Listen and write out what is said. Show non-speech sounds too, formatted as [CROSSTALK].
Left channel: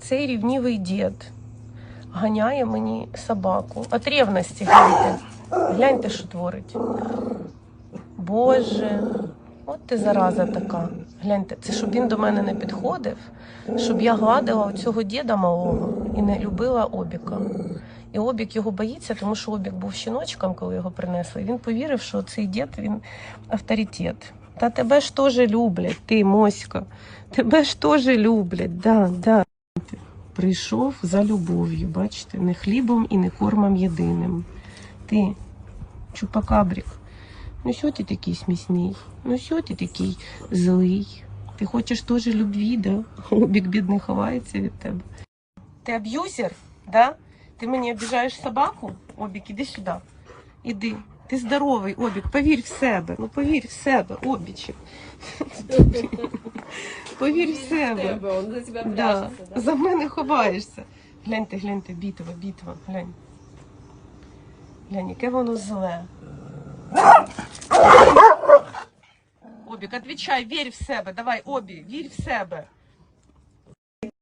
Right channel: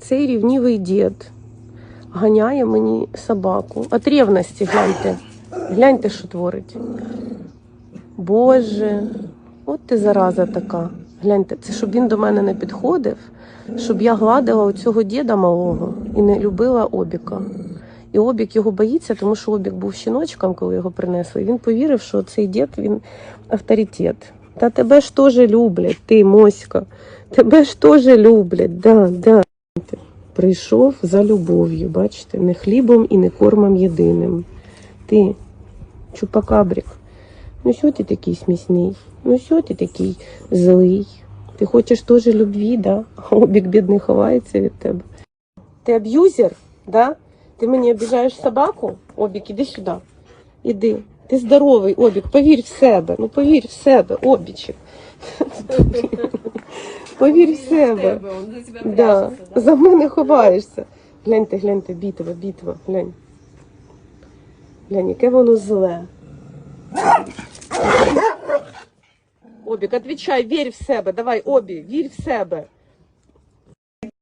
Цей рівнівий дід ганяє мені собаку. От ревності гляньте. Гляньте, що творить. Боже, от ти зараза така. Гляньте, це щоб він до мене не підходив, щоб я гладила цього діда малого і не любила обіка. І обік його боїться, тому що обік був щіночком, коли його принесли. І він повірив, що цей дід він авторитет. Та тебе ж теж люблять, ти моська. Тебе ж теж люблять, да, да. Прийшов за любов'ю, бачите, не хлібом і не кормом єдиним. Ти, чупакабрик, ну що ти такий смісний? Ну що ти такий злий? Ти хочеш теж любві, да? А обік бідний ховається від тебе. Ти аб'юзер, да? Ти мені обіжаєш собаку? Обік, іди сюди. Іди. Ти здоровий, обік, повір в себе. Ну повір в себе, обічик. [LAUGHS] Повір в себе. За Да. За мене ховаєшся. Гляньте, гляньте, бітва, бітва, глянь. Глянь, яке воно зле. Обік, отвічай, вір в себе. Давай, обі, вір в себе.